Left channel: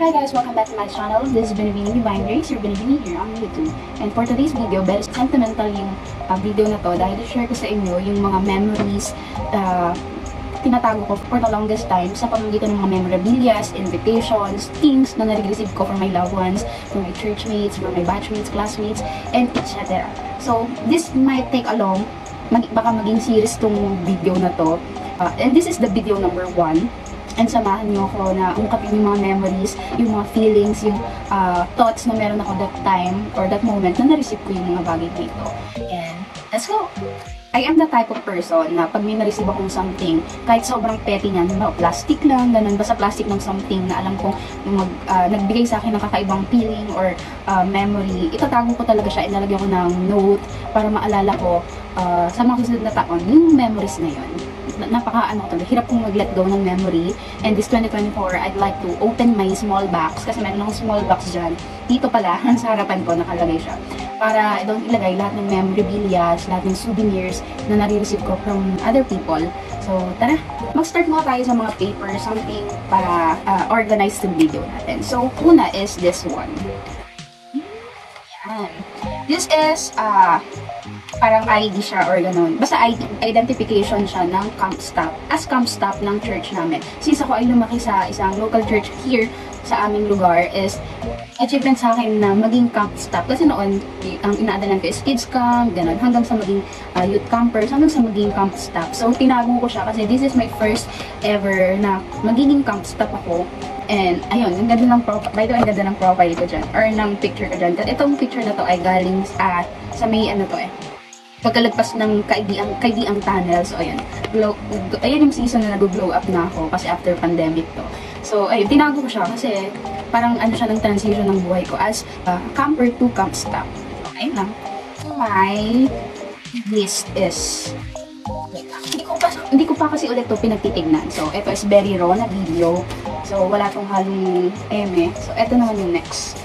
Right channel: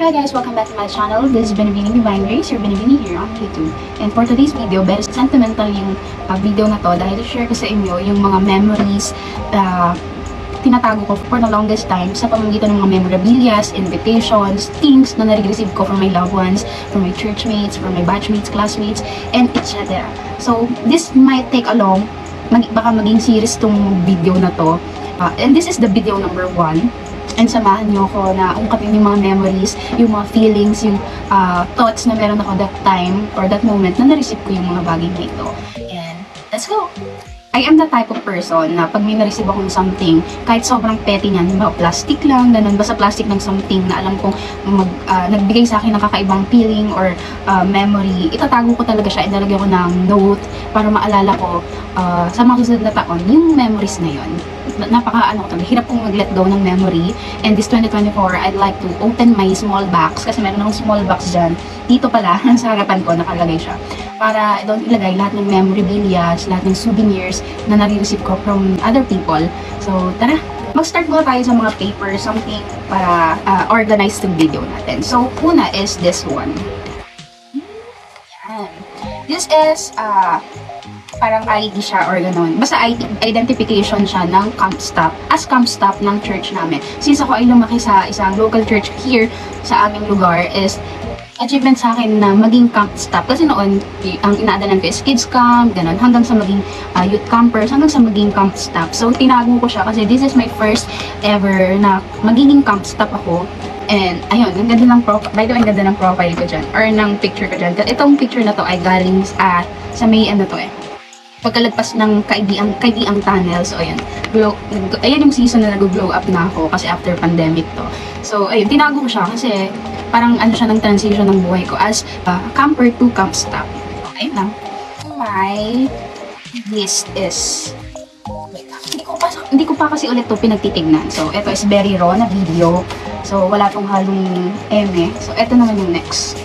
Hi guys, welcome back to my channel. This is Benevini Divine Grace, your Benevini here on YouTube. And for today's video, very sentimental yung video na to dahil share ko sa inyo yung mga memories tinatago ko for the longest time sa pamamagitan ng mga memorabilias, invitations, things na nare-receive ko from my loved ones, from my churchmates, from my batchmates, classmates, and etc. So, this might take a long, baka maging series tong video na to. And this is the video number 1. And samahan niyo ako na ungkapin yung mga memories, yung mga feelings, yung thoughts na meron ako that time or that moment na na-receive ko yung mga bagay na ito. And let's go! I am the type of person na pag may na-receive akong something, kahit sobrang petty niyan, plastic lang, ganun, basta plastic ng something na alam kong nagbigay sa akin ng kakaibang feeling or memory, itatago ko talaga siya, inalagay ko ng note para maalala ko sa mga susunod na taon, yung memories na yun. Hirap kong mag-let go ng memory. And this 2024, I'd like to open my small box kasi meron akong small box dyan. Dito pala, sa harapan ko, nakalagay siya. Para doon ilagay lahat ng memorabilias, lahat ng souvenirs na nare-receive ko from other people. So, tara! Mag-start muna tayo sa mga paper, something para organize yung video natin. So, una is this one. Yan. This is, parang ID siya or gano'n. Basta identification siya ng camp staff. As camp staff ng church namin. Since ako ay lumaki sa isang local church here sa aming lugar is achievement sa akin na maging camp staff. Kasi noon, ang inaadalan ko is kids camp, gano'n. Hanggang sa maging youth campers, hanggang sa maging camp staff. So, tinago ko siya kasi this is my first ever na magiging camp staff ako. And, ayun, ang ganda ng profile. By the way, ang ganda ng profile ko dyan. Or ng picture ko dyan. Itong picture na to ay galing sa may ano to pagkalagpas ng kaidiang tunnel. So, ayan. Ayan yung season na nag-glow up na ako kasi after pandemic to. So, ayun. Tinago ko siya kasi parang ano siya ng transition ng buhay ko as camper to camp staff. Ayun lang. My list is... Wait, hindi ko pa kasi ulit to pinagtitignan. So, ito is very raw na video. So, wala tong halong eme. So, ito naman yung next.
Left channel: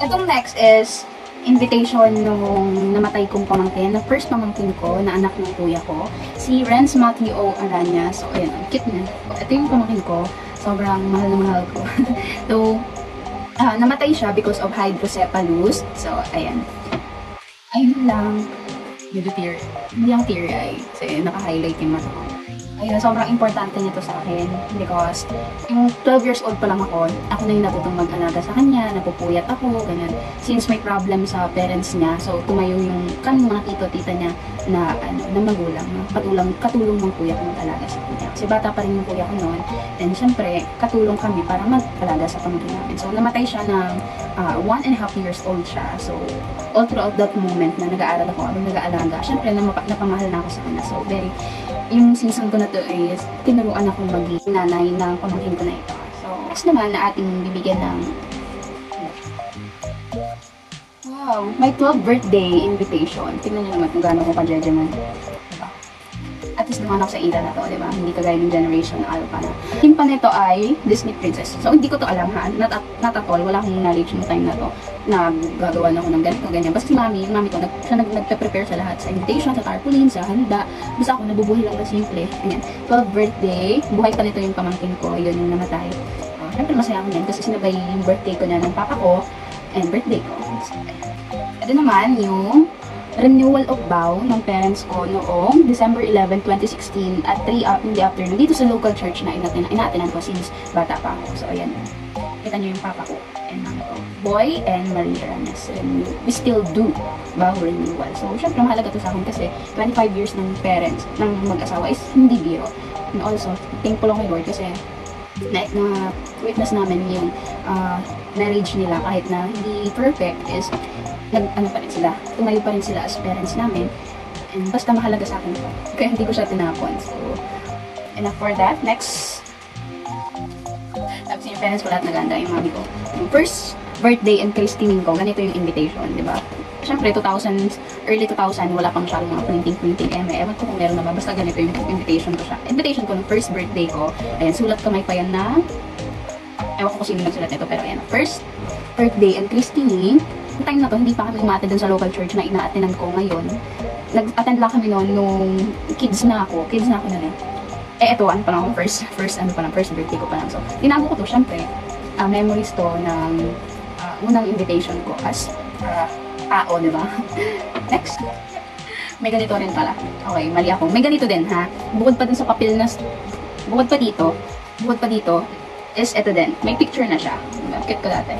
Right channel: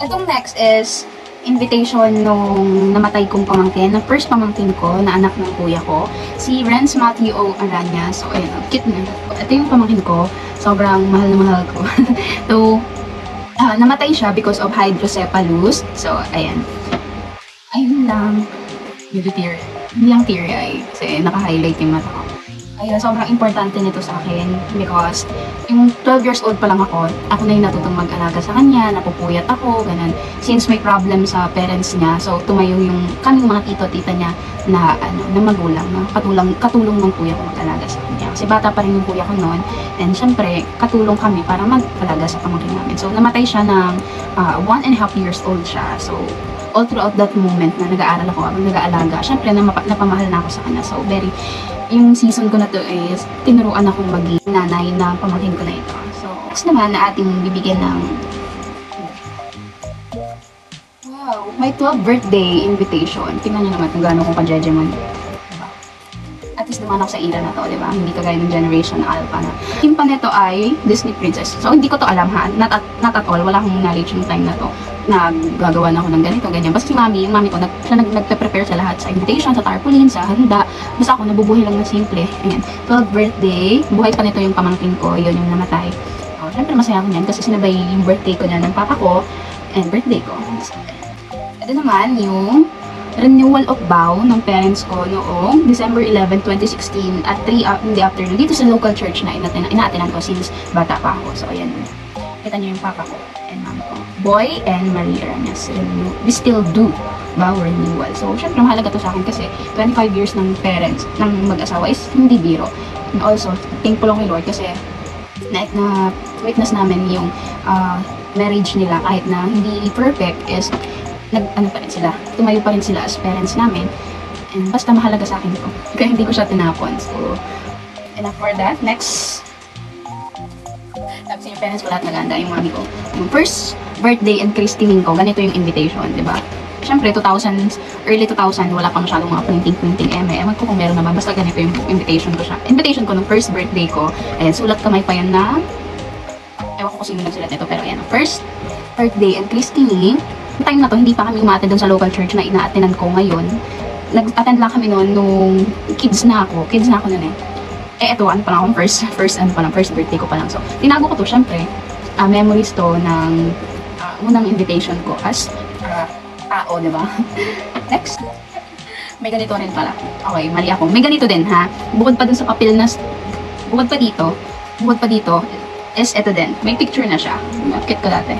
Itong next is invitation nung namatay kong pamangkin, na first pamangkin ko, na anak ng kuya ko, si Renz Matthew O. Aranya. So, ayun, cute na. Ito yung pamangkin ko, sobrang mahal na mahal ko. So, namatay siya because of hydrocephalus. So, ayan. Ayun lang. Hindi ang teary-eye. Kasi naka-highlight yung mata ko. Ayun, sobrang importante nito sa akin because yung 12 years old pa lang ako na yung natutong mag-alaga sa kanya, napupuyat ako, ganun. Since may problem sa parents niya, so tumayo yung kaming mga tito-tita niya na magulang, katulong ng kuya ko mag-alaga sa kanya. Kasi bata pa rin yung kuya ko noon, and syempre, katulong kami para mag-alaga sa pamangkin namin. So, namatay siya ng 1.5 years old siya. So, all throughout that moment na nag-aaral ako, nag-aalaga, syempre, napamahal na ako sa kanya. So, yung season ko na to is, tinuruan akong maging nanay ng pamangkin ko na ito. So, next naman na ating bibigyan ng wow, my 12th birthday invitation. Tingnan nyo naman kung gaano ko ka-judgment. Diba? At least naman ako sa era na to, diba? Hindi to gaya ng generation Alpha. Yung pa nito ay Disney Princess. So, hindi ko to alam ha. Not at all. Wala akong knowledge yung time na to. Na gagawa na ako ng ganito, ganyan. Basta si yung mami ko, siya nagpe-prepare sa lahat. Sa invitation, sa tarpaulin, sa handa. Basta ako, nabubuhay lang ng simple. Ayan. 12th birthday. Buhay pa nito yung pamangkin ko. Yun yung namatay. So, syempre masaya ako niyan kasi sinabay yung birthday ko na ng papa ko and birthday ko. Ito naman yung renewal of vow ng parents ko noong December 11, 2016 at 3 in the afternoon dito sa local church na inaatinan ko since bata pa ako. So, ayan. Kita niyo yung papa ko and mami ko. Boy and Marie Aranas. We still do vow renewal. So, syempre, mahalaga to sa akin kasi 25 years ng parents, ng mag-asawa is hindi biro. And also, thankful ako kay Lord kasi na witness namin yung marriage nila kahit na hindi perfect is pa rin sila. Tumayo pa rin sila as parents namin. And basta mahalaga sa akin ito. Kaya hindi ko siya tinapon. So, enough for that. Next. Tapos yung parents ko lahat naganda. Yung mami ko. Yung first birthday and christening ko, ganito yung invitation, di ba? Siyempre, early 2000, wala pang masyadong mga printing Ewan ko kung meron na ba. Basta ganito yung invitation ko siya. Invitation ko nung first birthday ko. Ayan, sulat kamay pa yun na ewan ko kung sino nagsulat nito. Pero ayan, first birthday and christening. Yung time na to, hindi pa kami umaattend dun sa local church na inaattenan ko ngayon. Nag-attend lang kami noon nung kids na ako nun eh. Eh, eto, ano pa lang akong first birthday ko pa lang. So, tinago ko to, syempre, memories to ng unang invitation ko as tao, di ba? Next. May ganito rin pala. Okay, mali ako. May ganito din, ha? Bukod pa dun sa papel na, bukod pa dito, is eto din. May picture na siya. Nakit ko dati.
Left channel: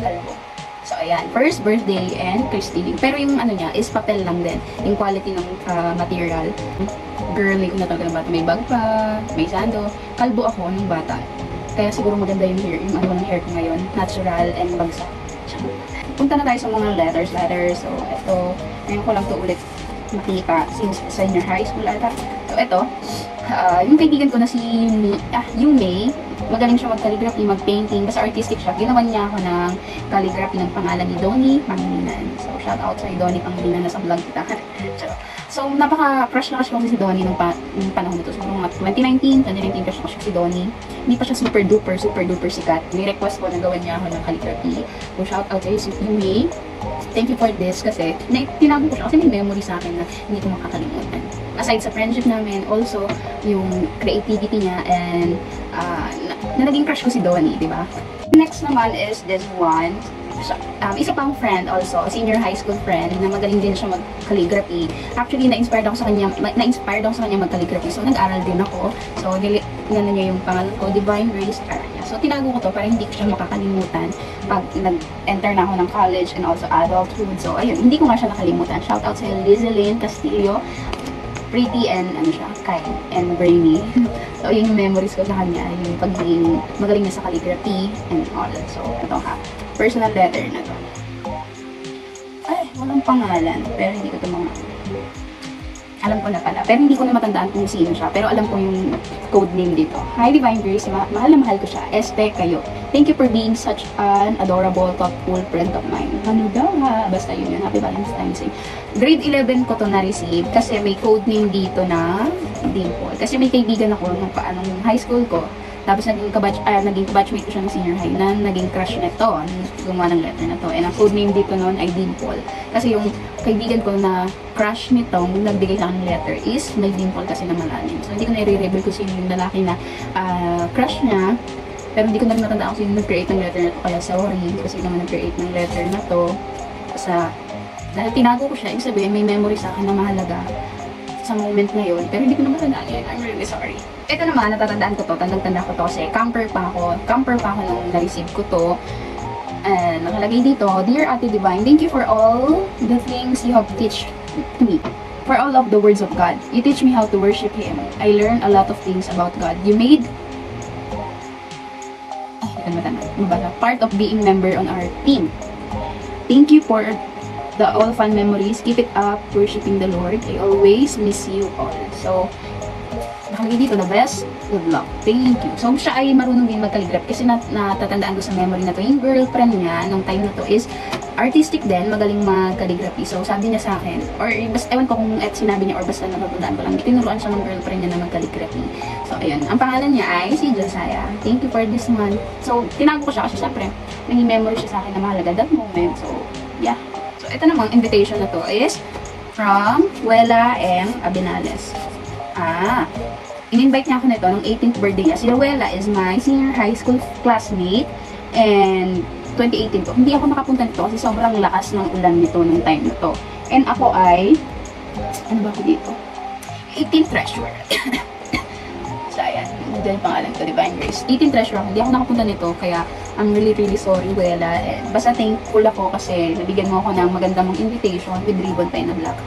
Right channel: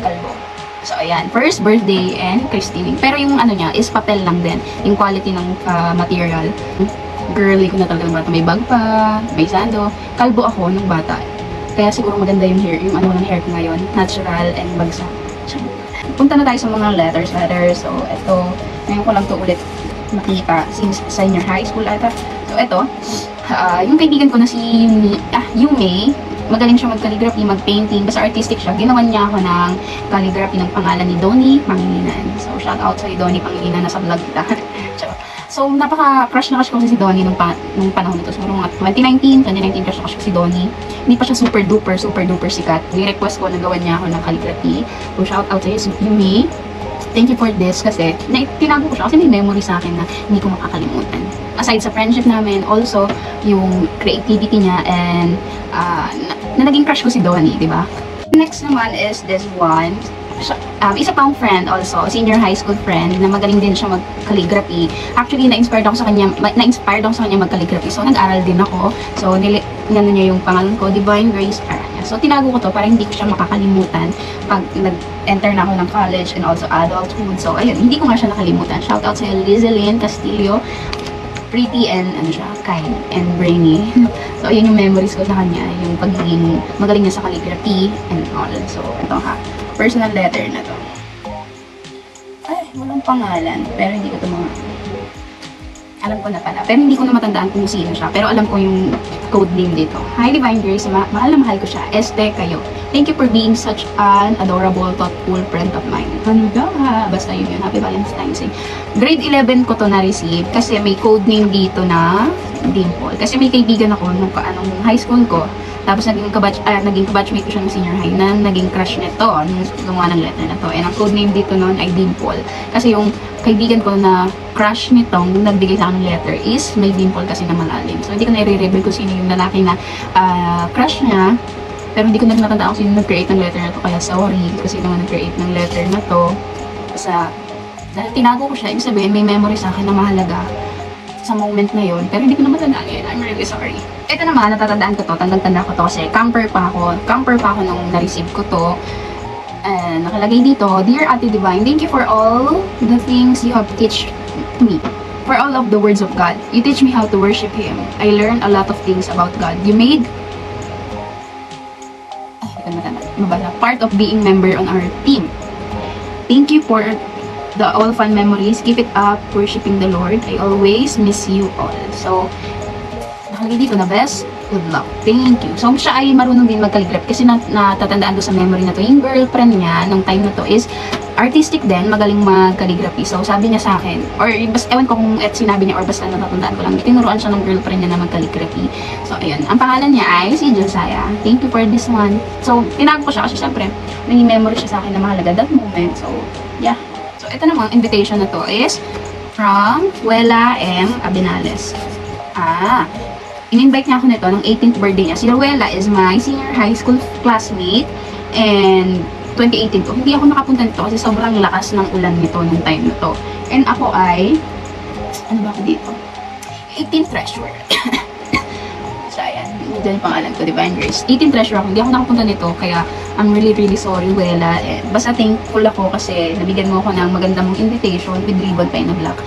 Kalbo. So, ayan. First birthday and christening. Pero yung ano niya is papel lang din. Yung quality ng material. Girly ko na talaga ng bata. May bag pa, may sando. Kalbo ako nung bata. Kaya siguro maganda yung hair, yung ano ng hair ko ngayon. Natural and bagsak. Punta na tayo sa mga letters. So, ito. Ngayon ko lang to ulit makita since senior high school ata. So, ito. Yung kaibigan ko na si Yume, magaling siya mag-calligraphy, mag-painting. Basta artistic siya. Ginawan niya ako ng calligraphy ng pangalan ni Donnie Pangilinan. So, shout out sa Donnie Pangilinan. Nasa vlog kita. So, napaka-crush na crush ko si Donnie nung panahon nito. Siguro mga 2019 crush na crush ko si Donnie. Hindi pa siya super duper sikat. Ni-request ko na gawan niya ako ng calligraphy. So, shout out sa iyo, Yume. Thank you for this kasi tinago ko siya kasi may memory sa akin na hindi ko makakalimutan. Aside sa friendship namin, also yung creativity niya and na naging crush ko si Donnie, di ba? Next naman is this one. Isa pang friend also, senior high school friend na magaling din siya mag-calligraphy. Actually, na-inspired ako sa kanya mag-calligraphy. So, nag-aral din ako. So, nilano niya yung pangalan ko, Divine Grace Aranya. So, tinago ko to para hindi ko siya makakalimutan pag nag-enter na ako ng college and also adulthood. So, ayun, hindi ko nga siya nakalimutan. Shout out sa Lizalyn Castillo. Pretty and kind and brainy. So, ayun yung memories ko sa kanya. Yung pagiging magaling niya sa calligraphy and all. So, ito ha. Personal letter na to. Ay, walang pangalan. Pero hindi ko ito alam ko na pala. Pero hindi ko na matandaan kung sino siya. Pero alam ko yung code name dito. Hi, Divine Grace. Mahal na mahal ko siya. Este kayo. Thank you for being such an adorable, thoughtful friend of mine. Ano daw ha? Basta yun. Happy Valentine's Day. Grade 11 ko to na-receive kasi may code name dito na Dimple. Kasi may kaibigan ako nung high school ko. Tapos naging kabatchmate ko siya ng senior high na naging crush nito nung gumawa ng letter na to. And ang code name dito noon ay Dimple. Kasi yung kaibigan ko na crush nitong nagbigay sa akin ng letter is may dimple kasi na malalim. So, hindi ko na-reveal kung sino yung lalaki na crush niya. Pero hindi ko na natandaan kung sino nag-create ng letter na to. Kaya sorry kasi naman nag-create ng letter na to. Dahil tinago ko siya, ibig sabihin may memory sa akin na mahalaga sa moment na yun. Pero hindi ko na matandaan yun. I'm really sorry. Ito naman, natatandaan ko to. Tandang-tanda ko to kasi camper pa ako nung na-receive ko to. And nakalagay dito, Dear Ate Divine, thank you for all the things you have teach to me. For all of the words of God. You teach me how to worship Him. I learned a lot of things about God. You made part of being member on our team. Thank you for the all fun memories. Keep it up, worshiping the Lord. I always miss you all. So, nakalagay dito na best, good luck. Thank you. So, siya ay marunong din mag-calligraph kasi natatandaan ko sa memory na to. Yung girlfriend niya nung time na to is artistic din, magaling mag-calligraphy. So, sabi niya sa akin, or ewan ko kung sinabi niya or basta natatandaan ko lang, tinuruan siya ng girlfriend niya na mag-calligraphy. So, ayun. Ang pangalan niya ay si Josiah. Thank you for this one. So, tinago ko siya kasi syempre, naging memory siya sa akin na mahalaga that moment. So, yeah. So, ito namang invitation na to is from Wela M. Abinales. In-invite niya ako nito nung 18th birthday niya. Si Ruela is my senior high school classmate and 2018 to. Hindi ako nakapunta nito kasi sobrang lakas ng ulan nito nung time na to. And ako ay, ano ba ako dito? 18th treasurer. So, ayan. Diyan yung pangalan ko, Divine Grace. 18th treasurer ako. Hindi ako nakapunta nito kaya I'm really sorry, Ruela. Basta thankful ako kasi nabigyan mo ako ng maganda mong invitation with ribbon pa na black.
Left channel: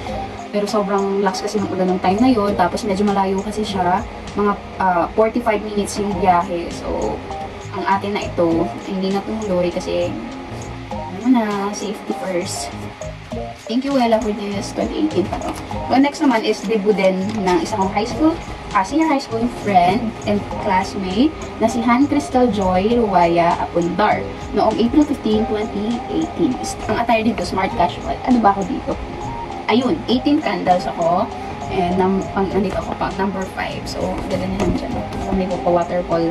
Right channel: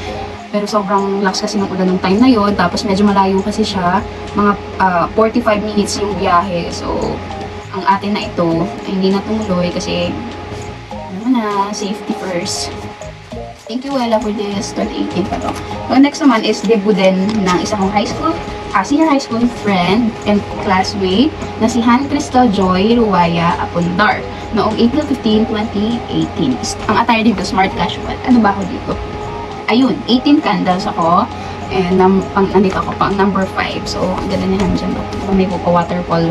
Pero sobrang lakas kasi ng ulan ng time na yon. Tapos medyo malayo kasi siya. Mga 45 minutes yung biyahe. So, ang atin na ito ay hindi natuloy kasi safety first. Thank you, Wella, for this 2018 pa to. So, next naman is debut din ng isang senior high school friend and classmate na si Han Crystal Joy Ruwaya Apundar noong April 15, 2018. Ang attire dito, smart casual. Ano ba ako dito? Ayun, 18 candles ako. And nandito ako pang number 5. So, ganda na dyan. So, may waterfall,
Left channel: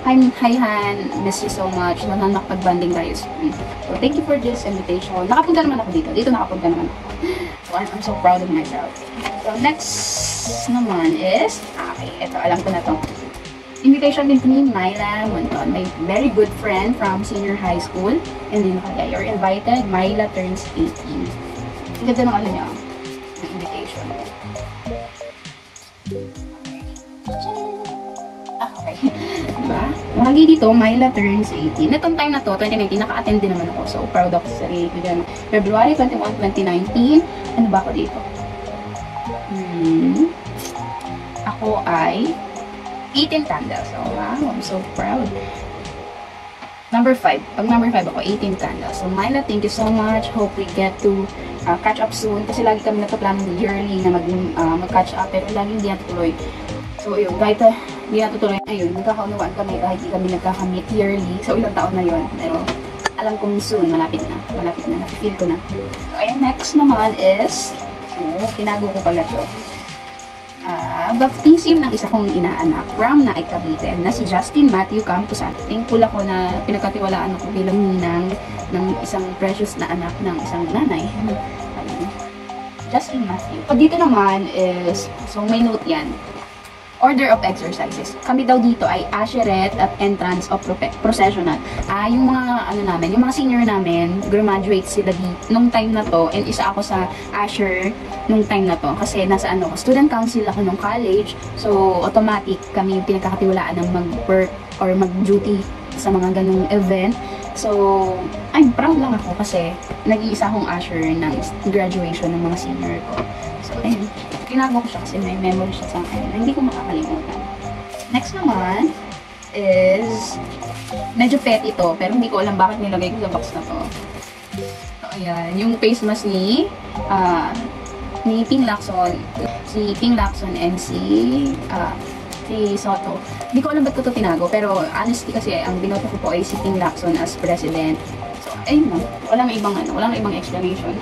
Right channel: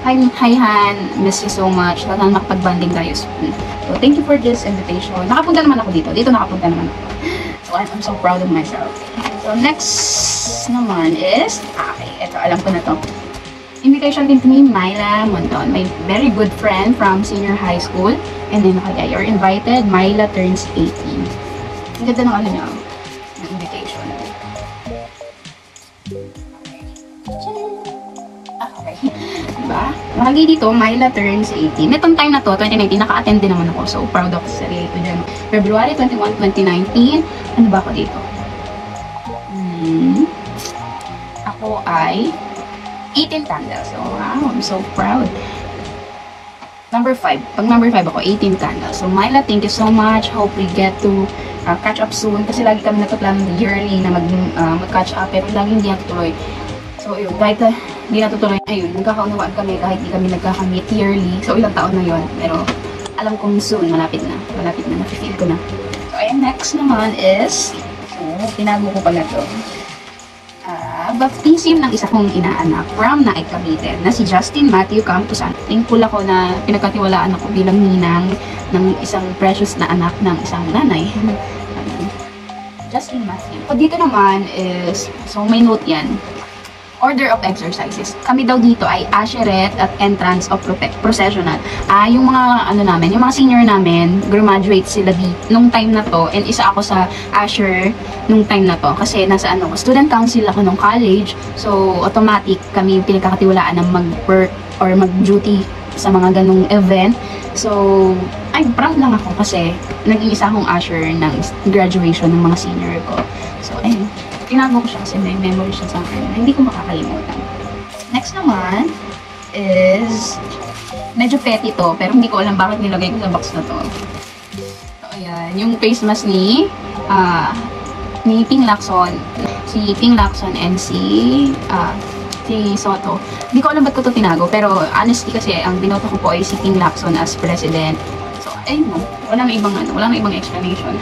Hi Han, miss you so much. Sana nakapag-banding tayo soon. So, thank you for this invitation. Nakapunta naman ako dito. Dito nakapunta naman ako. So, I'm so proud of myself. So, next naman is Ito, alam ko na to. Invitation din to ni Myla Monton, my very good friend from senior high school. And then, okay, you're invited. Myla turns 18. Ang ganda ng ano niya, ng invitation. Okay. Diba? Lagi dito, Myla turns 18. Netong time na to, 2019, naka-attend din naman ako. So, proud ako sa sarili ko dyan. February 21, 2019. Ano ba ako dito? Ako ay 18 candles. So, wow, I'm so proud. Number 5. Pag number 5 ako, 18 candles. So, Myla, thank you so much. Hope we get to catch up soon. Kasi lagi kami nagpaplano yearly na mag-catch up. Pero lagi hindi natutuloy. So, yun. Kahit hindi natutuloy, ayun, nagkakaunawaan kami kahit hindi kami nagkakamit yearly. So, ilang taon na yun. Pero, alam kong soon, malapit na. Malapit na. Nafe-feel ko na. So, ayan, next naman is, so, tinago ko pala to. Baptism ng isa kong inaanak from Naik Cavite na si Justin Matthew Camposan. Thankful ako na pinagkatiwalaan ako bilang ninang ng isang precious na anak ng isang nanay. Justin Matthew. So, dito naman is, so may note yan. Order of exercises. Kami daw dito ay Asheret at Entrance of Processional. Yung mga ano namin, yung mga senior namin, graduate sila nung time na to, and isa ako sa Asher nung time na to kasi nasa student council ako nung college. So automatic kami pinagkakatiwalaan ng mag-work or mag-duty sa mga ganung event. So ay proud lang ako kasi naging isa akong Asher ng graduation ng mga senior ko. So ayun, tinago ko siya kasi may memory siya sa akin. Hindi ko makakalimutan. Next naman is medyo petty to, pero hindi ko alam bakit nilagay ko sa box na to. So, ayan. Yung face mask ni Ping Lacson. Si Ping Lacson and si Soto. Hindi ko alam ba't ko to tinago, pero honestly kasi ang binoto ko po ay si Ping Lacson as president. So, ayun no. Walang ibang explanation.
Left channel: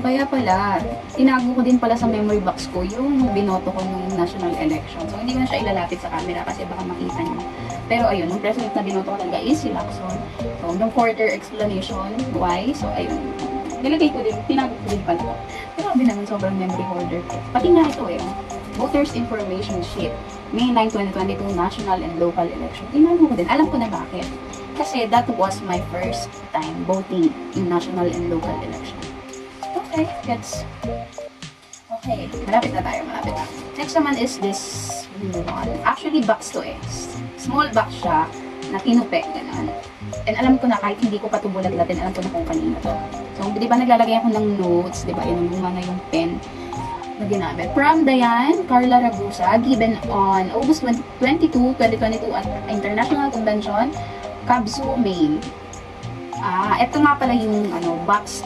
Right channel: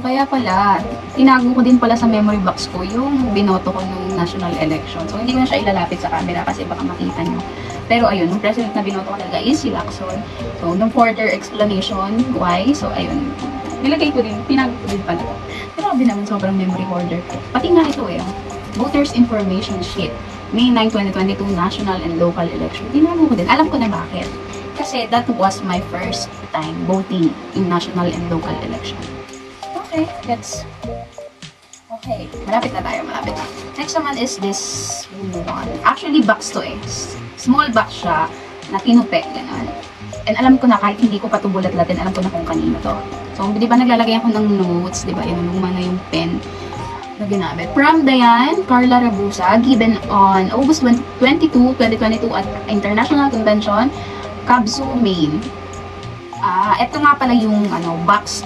Kaya pala, tinago ko din pala sa memory box ko yung binoto ko nung national election. So, hindi ko na siya ilalapit sa camera kasi baka makita nyo. Pero ayun, yung president na binoto ko talaga is si Lacson. So, nung further explanation, why? So, ayun, nilagay ko din, tinago ko din pala. Pero sabi naman, sobrang memory hoarder ko. Pati nga ito Voters Information Sheet, May 9, 2022, national and local election. Tinago ko din. Alam ko na bakit. Kasi that was my first time voting in national and local election. Okay, okay. Malapit na tayo, malapit na. Next naman is this one. Actually, box to Small box siya na tinupe, gano'n. And alam ko na kahit hindi ko pa ito bulat-latin, alam ko na kung kanino to. So, di ba naglalagay ako ng notes, di ba? Yung luma na yung pen na ginamit. From Diane Carla Rabusa, given on August 22, 2022 at International Convention, Kabsu, Maine. Ito nga pala yung box.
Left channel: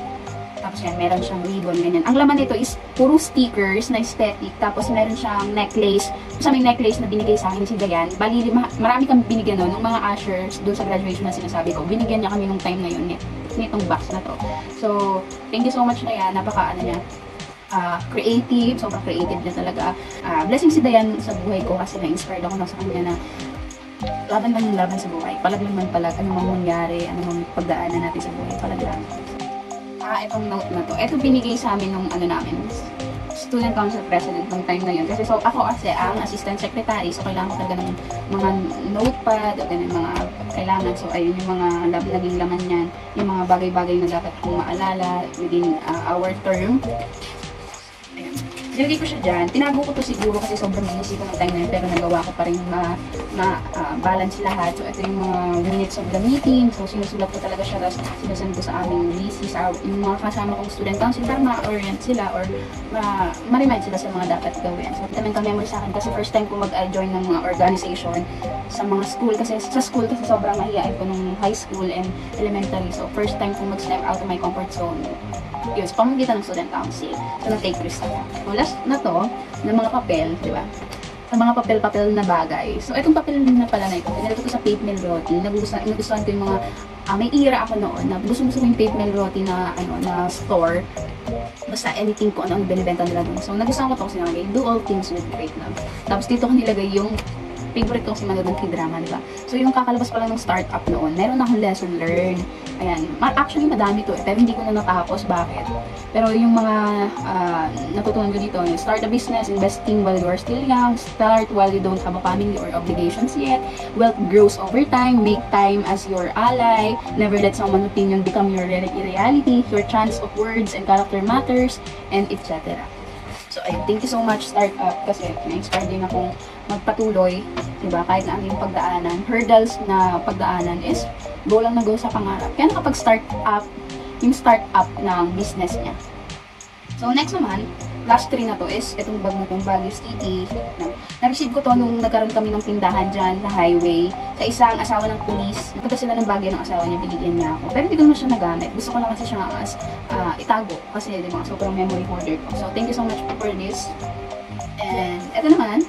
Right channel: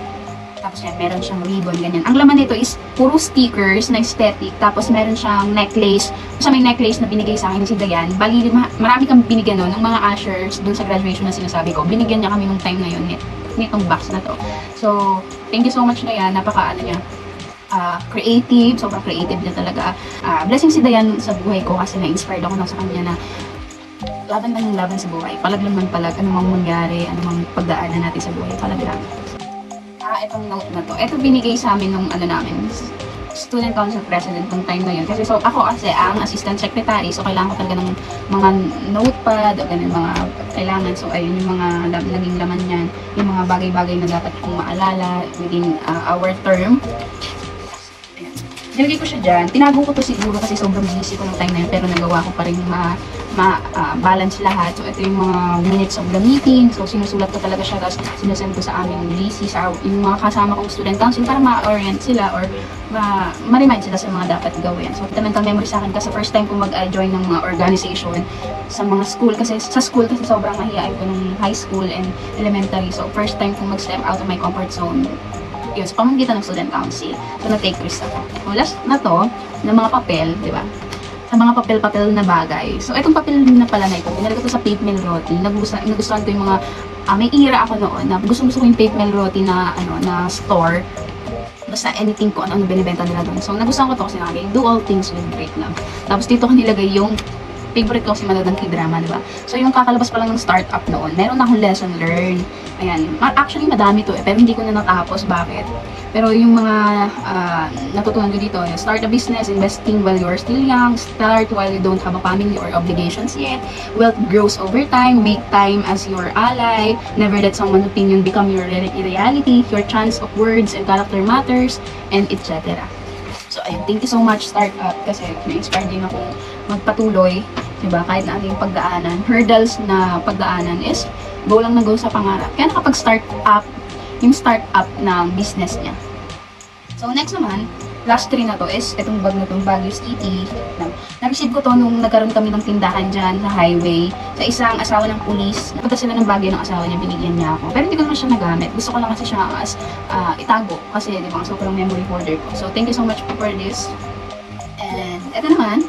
Tapos yan, meron siyang ribbon, ganyan. Ang laman nito is puro stickers na aesthetic. Tapos meron siyang necklace. Sa may necklace na binigay sa akin si Dayan. Bali, marami kami binigyan ng mga ushers dun sa graduation na sinasabi ko. Binigyan niya kami nung time na yun, nitong box na to. So, thank you so much Dayan. Napaka creative. Sobrang creative niya talaga. Blessing si Dayan sa buhay ko kasi na-inspired ako na sa kanya na laban lang yung laban sa buhay. Palag lang man palag. Anumang mangyari, anumang pagdaanan natin sa buhay. Palag lang. Itong note na to. Ito binigay sa amin nung namin, student council president ng time na yun. Kasi so, ako kasi ang assistant secretary, so kailangan ko talaga ng mga notepad o ganun mga kailangan. So ayun yung mga naging laman niyan, yung mga bagay-bagay na dapat kong maalala within our term. Nilagay ko siya dyan. Tinago ko to siguro kasi sobrang busy ko ng time na yun, pero nagawa ko pa rin balance lahat. So, ito yung mga minutes of the meeting. So, sinusulat ko talaga siya, tapos sinusend ko sa aming VC, sa yung mga kasama kong student council para ma-orient sila or ma-remind sila sa mga dapat gawin. So, mental memory sa akin kasi first time ko mag-join ng mga organization sa mga school. Kasi sa school, kasi sobrang mahihain ko ng high school and elementary. So, first time ko mag-step out of my comfort zone. Yun, sa pamamagitan ng student council. So, na-take risk ako. So, last na to, ng mga papel, di ba? Sa mga papel-papel na bagay. So, itong papel na pala na ito, pinalagay ko sa Pape Melroti. Nagustuhan ko yung mga, may era ako noon na gusto ko yung Pape Melroti na, na store. Basta anything ko, ano ang binibenta nila doon. So, nagustuhan ko ito kasi nakagay, do all things with great love. Tapos, dito ko nilagay yung favorite ko kasi manood ng K-drama, di ba? So, yung kakalabas pa lang ng startup noon, meron na akong lesson learned. Ayan. Actually, madami to pero hindi ko na natapos. Bakit? Pero yung mga natutunan ko dito, start a business, investing while you are still young, start while you don't have a family or obligations yet, wealth grows over time, make time as your ally, never let someone's opinion become your reality, your chance of words and character matters, and etc. So, ayun, thank you so much, Startup, kasi na-inspire din ako magpatuloy, diba, kahit na ano yung pagdaanan. Hurdles na pagdaanan is go lang na go sa pangarap. Kaya nakapag-start up, yung start-up ng business niya. So, next naman, last 3 na to is, itong bag na itong Baguio City. Na-receive ko to nung nagkaroon kami ng tindahan dyan sa highway. Sa isang asawa ng pulis. Napunta sila ng Baguio ng asawa niya, binigyan niya ako. Pero hindi ko naman siya nagamit. Gusto ko lang kasi siya as itago. Kasi, di ba, sobrang memory holder ko. So, thank you so much for this. And, ito naman,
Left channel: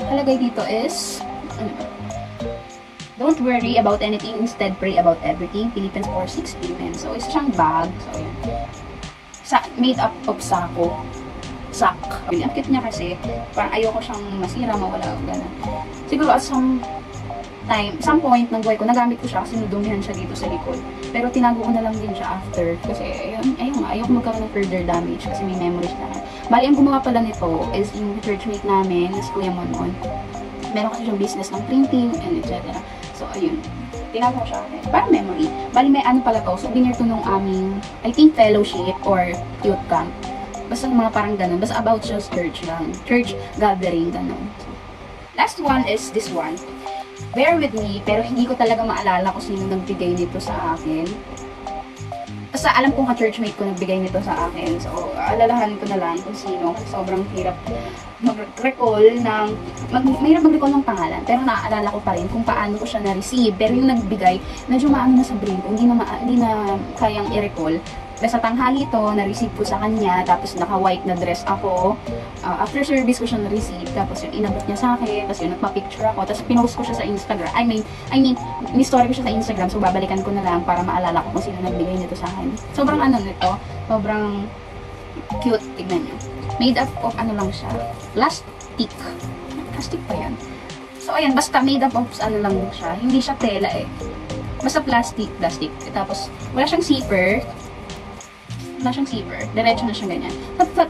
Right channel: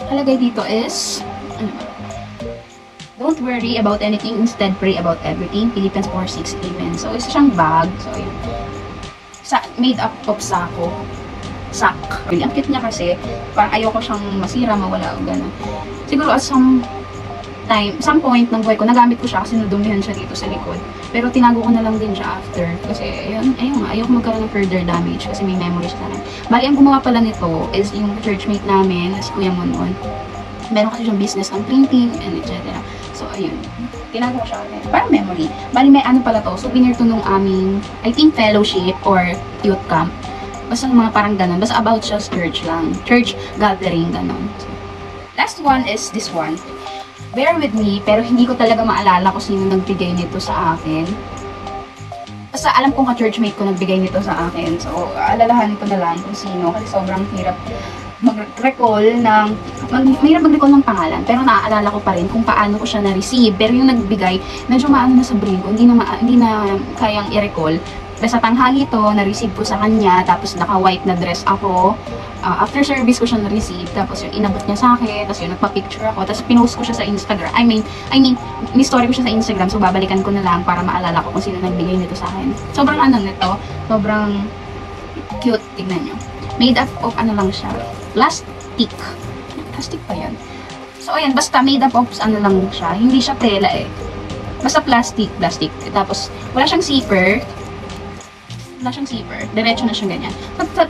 kalagay dito is, don't worry about anything, instead pray about everything. Philippians 4:6, amen. So, isa siyang bag. So, yun. Made up of sako. Sak. Ang cute niya kasi, parang ayoko siyang masira, mawala o gano'n. Siguro at some point ng buhay ko, nagamit ko siya kasi nadumihan siya dito sa likod. Pero tinago ko na lang din siya after. Kasi, ayun nga, ayoko magkaroon ng further damage kasi may memories na lang. Bali, ang gumawa pala nito is yung churchmate namin, si Kuya Monmon. Meron kasi siyang business ng printing and etc. So, ayun. Tinago ko siya. Parang memory. Bali, may ano pala to. Souvenir to nung aming, I think, fellowship or youth camp. Basta mga parang ganun. Basta about just church lang. Church gathering, ganun. So, last one is this one. Bear with me, pero hindi ko talaga maalala kung sino nagbigay nito sa akin. Basta alam kong ka-churchmate ko nagbigay nito sa akin. So, alalahanin ko na lang kung sino. Kasi sobrang hirap mag-recall ng mahirap mag-recall ng pangalan, pero naaalala ko pa rin kung paano ko siya na-receive. Pero yung nagbigay, medyo maano na sa brain ko, hindi na kayang i-recall. Basta tanghali to, na-receive ko sa kanya, tapos naka-white na dress ako. After service ko siya na-receive, tapos yung inabot niya sa akin, tapos yung nagpa-picture ako, tapos pinost ko siya sa Instagram. I mean, ni-story ko siya sa Instagram, so babalikan ko na lang para maalala ko kung sino nagbigay nito sa akin. Sobrang ano nito, sobrang cute, tignan nyo. Made up of ano lang siya, plastic. Plastic pa yan. So, ayan, basta made up of ano lang siya. Hindi siya tela eh. Basta plastic. Tapos, wala siyang zipper. Diretso na siya ganyan.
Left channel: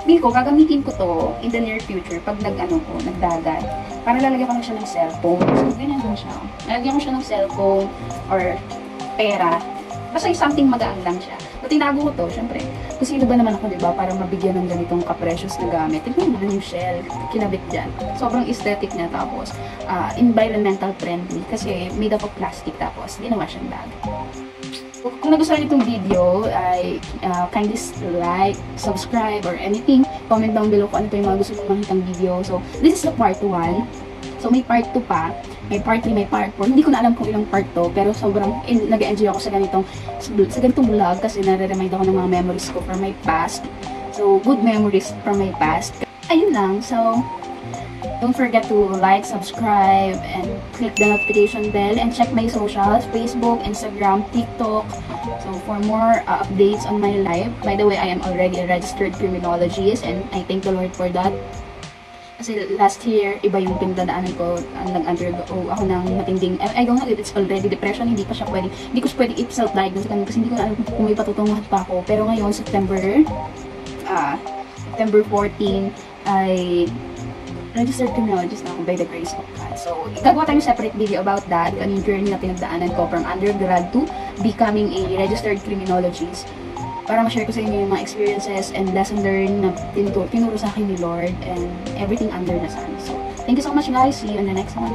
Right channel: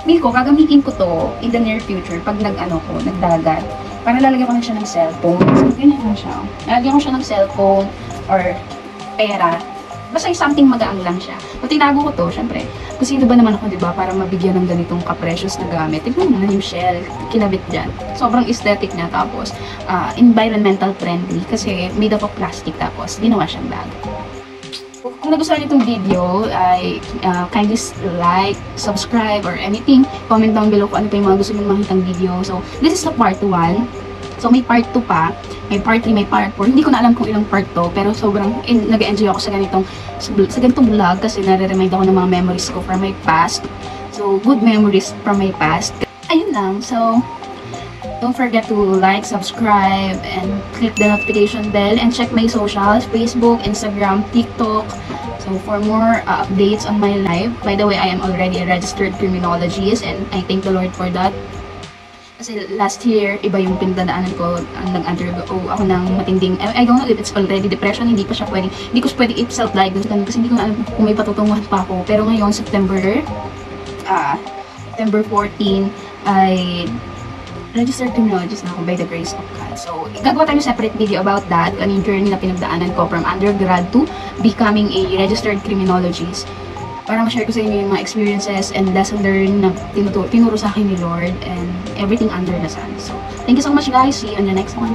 Feel ko, gagamitin ko to in the near future pag nagdagat. Para lalagyan ko lang siya ng cellphone. So, ganyan lang siya. Lalagyan ko siya ng cellphone or pera. Basta something magaang lang siya. Kung tinago ko to, syempre, kung sino ba naman ako, diba, para mabigyan ng ganitong ka-precious na gamit. Tignan mo na yung shell, kinabit dyan. Sobrang aesthetic niya, tapos environmental friendly kasi made up of plastic, tapos ginawa siyang bag. Kung nagustuhan niyo itong video, ay kindly like, subscribe, or anything. Comment down below kung ano pa yung mga gusto mong makitang video. So, this is the part 1. So, may part 2 pa. May part 3, may part 4. Hindi ko na alam kung ilang part to, pero sobrang nag-enjoy ako sa ganitong vlog kasi nare-remind ako ng mga memories ko from my past. So, good memories from my past. Ayun lang. So, don't forget to like, subscribe, and click the notification bell, and check my socials, Facebook, Instagram, TikTok. So, for more updates on my life. By the way, I am already a registered criminologist, and I thank the Lord for that. Kasi last year, iba yung pinagdadaanan ko, nag-undergo ako ng matinding, I don't know if it's already depression, hindi ko pwede i-self-diagnose ganun kasi hindi ko na alam kung may patutunguhan pa ako. Pero ngayon, September 14, ay registered criminologist na ako by the grace of God. So, gagawa tayo separate video about that, ano yung journey na pinagdaanan ko from undergrad to becoming a registered criminologist. Para ma-share ko sa inyo yung mga experiences and lesson learned na tinuro sa akin ni Lord and everything under the sun. So, thank you so much guys. See you on the next one.